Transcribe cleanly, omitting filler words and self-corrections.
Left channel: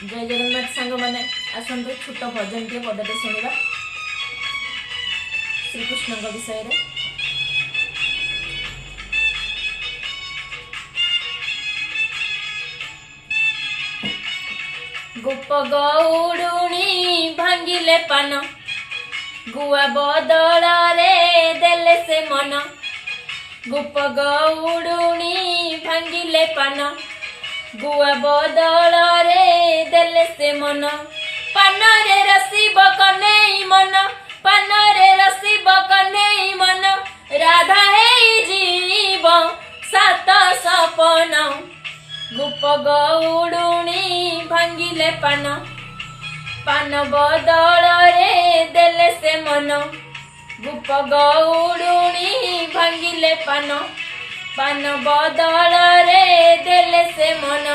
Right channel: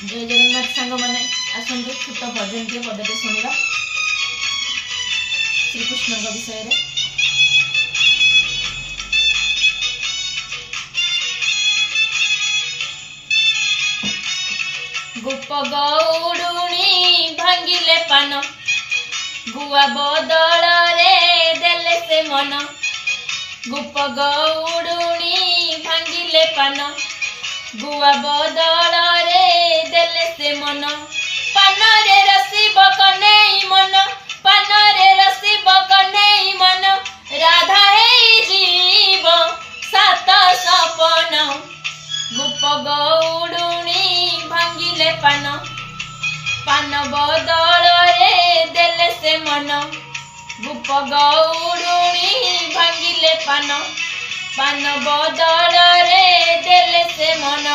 जय जगन्नाथ सांग मैंने आसतु छोट भजन टे पदटे शुणा श्रीकृष्ण विषय रे। गोप गौड़ुणी भांगिले पान गुआ बदल रे देले से मन। गोप गौड़ुणी भांगिले पान गुआ बदल रे देले से मन। पान रे रसिब कन्हई मन पान रे रसिब कन्हई मन। राधा हे जीव सात सपन। गोप गौड़ुणी भांगिले पान पान बदल रे देले से मन। गोप गौड़ुणी भांगिले पान पान बदल रे देले से मन।